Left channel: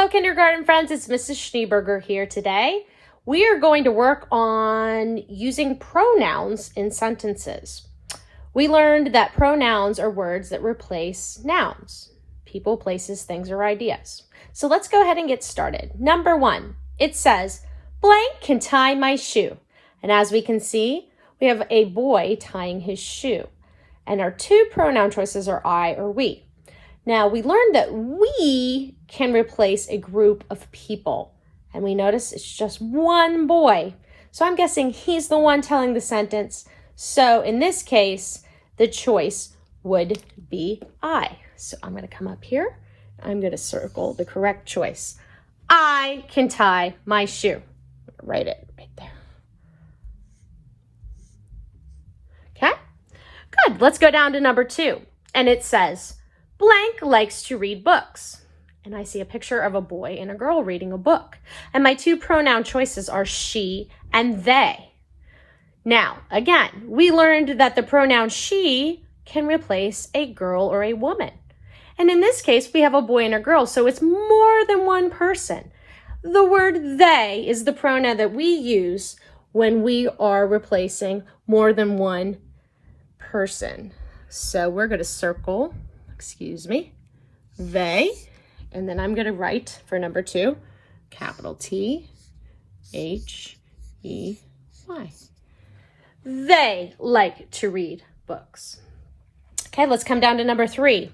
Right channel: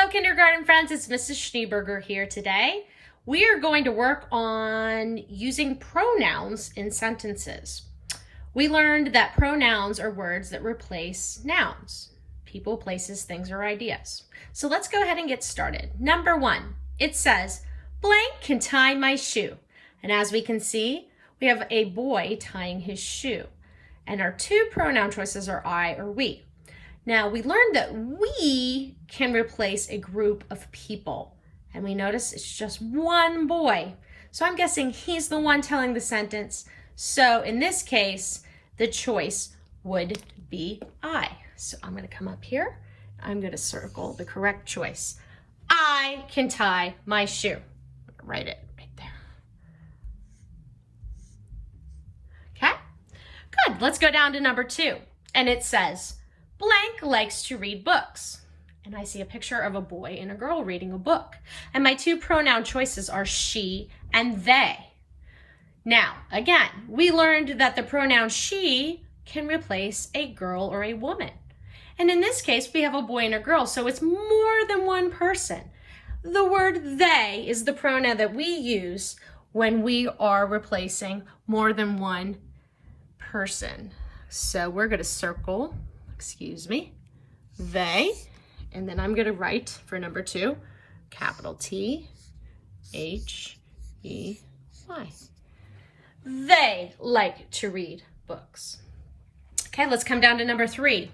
Hello, kindergarten friends. It's Mrs. Schneeberger here today. We are going to work on using pronouns in sentences. We learned that pronouns are words that replace nouns, people, places, things, or ideas. So let's go ahead and get started. Number 1, it says, blank can tie my shoe. And as we can see, we have a boy tying his shoe. And our two pronoun choices are I or we. Now, we learned that we can replace a group of people. And we notice it's just one boy. So I'm guessing he's the one telling the sentence. So in this case, the choice would be I. So I'm going to come up here. I'm going to circle the correct choice. I can tie my shoe. Write it right there. Okay, good. Let's go down to number 2. And it says, blank likes to read books. And I see a picture of a boy and a girl reading a book. And my two pronoun choices are she and they. Now, again, we learned that the pronoun she can replace a girl or a woman. And in this case, we have a boy and a girl, so it's more than one person. The word they is the pronoun that we use when we are replacing more than one person. So we're going to circle, they, and then I'm going to write for number 2, capital T, H, E, Y. They like to read books. Okay, let's come down to number 3.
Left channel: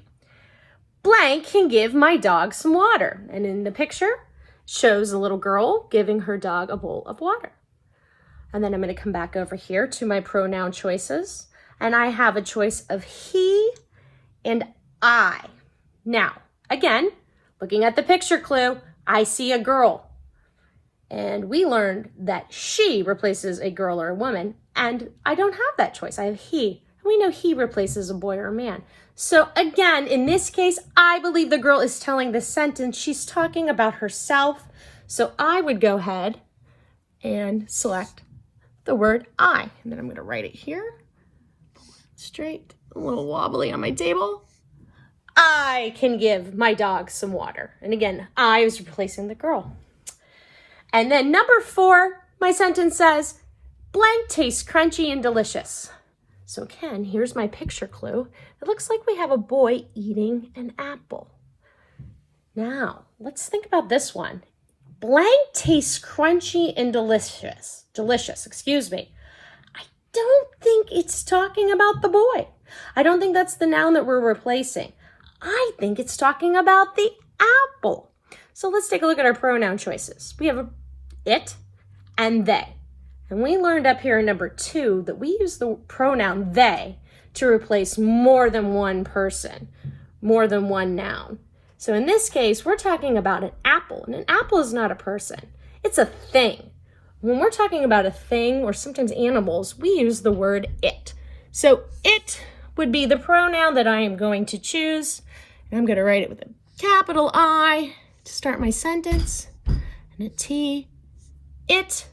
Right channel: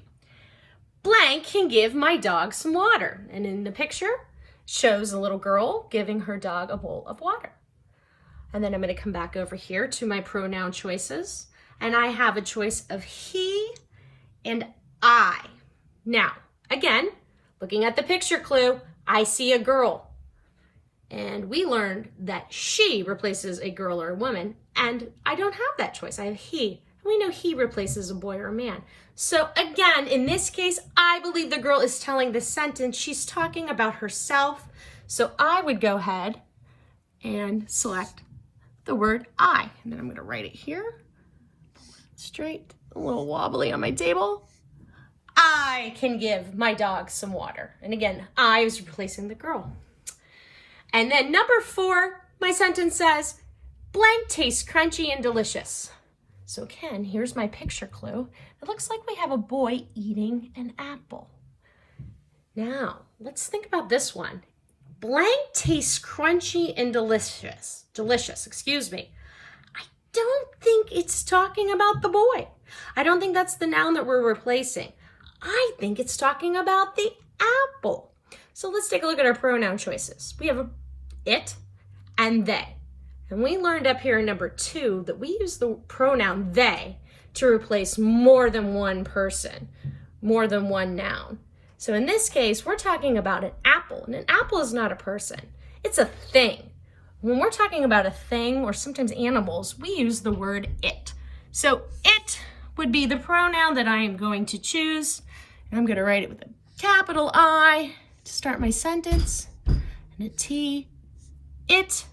Blank can give my dog some water. And in the picture, shows a little girl giving her dog a bowl of water. And then I'm going to come back over here to my pronoun choices. And I have a choice of he and I. Now, again, looking at the picture clue, I see a girl. And we learned that she replaces a girl or a woman. And I don't have that choice. I have he. And we know he replaces a boy or a man. So again, in this case, I believe the girl is telling the sentence. She's talking about herself. So I would go ahead and select the word I. And then I'm going to write it here. Straight, a little wobbly on my table. I can give my dog some water. And again, I was replacing the girl. And then number 4, my sentence says, blank tastes crunchy and delicious. So again, here's my picture clue. It looks like we have a boy eating an apple. Now, let's think about this one. Blank tastes crunchy and delicious. I don't think it's talking about the boy. I don't think that's the noun that we're replacing. I think it's talking about the apple. So let's take a look at our pronoun choices. We have it and they. And we learned up here in number 2 that we use the pronoun they to replace more than one person, more than one noun. So in this case, we're talking about an apple, and an apple is not a person. It's a thing. When we're talking about a thing or sometimes animals, we use the word it. So it would be the pronoun that I am going to choose. And I'm going to write it with a capital I to start my sentence and a T. It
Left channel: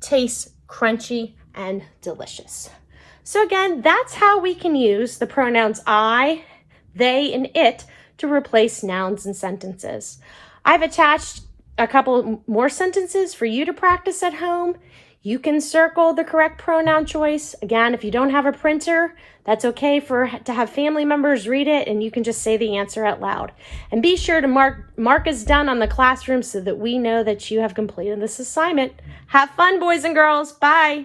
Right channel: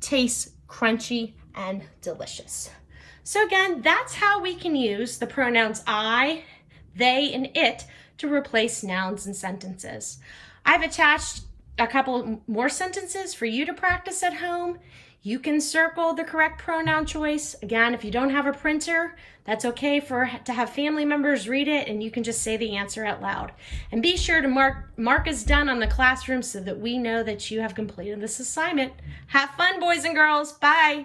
tastes crunchy and delicious. So again, that's how we can use the pronouns I, they, and it to replace nouns in sentences. I've attached a couple more sentences for you to practice at home. You can circle the correct pronoun choice. Again, if you don't have a printer, that's okay to have family members read it, and you can just say the answer out loud. And be sure to mark as done on the classroom so that we know that you have completed this assignment. Have fun, boys and girls. Bye.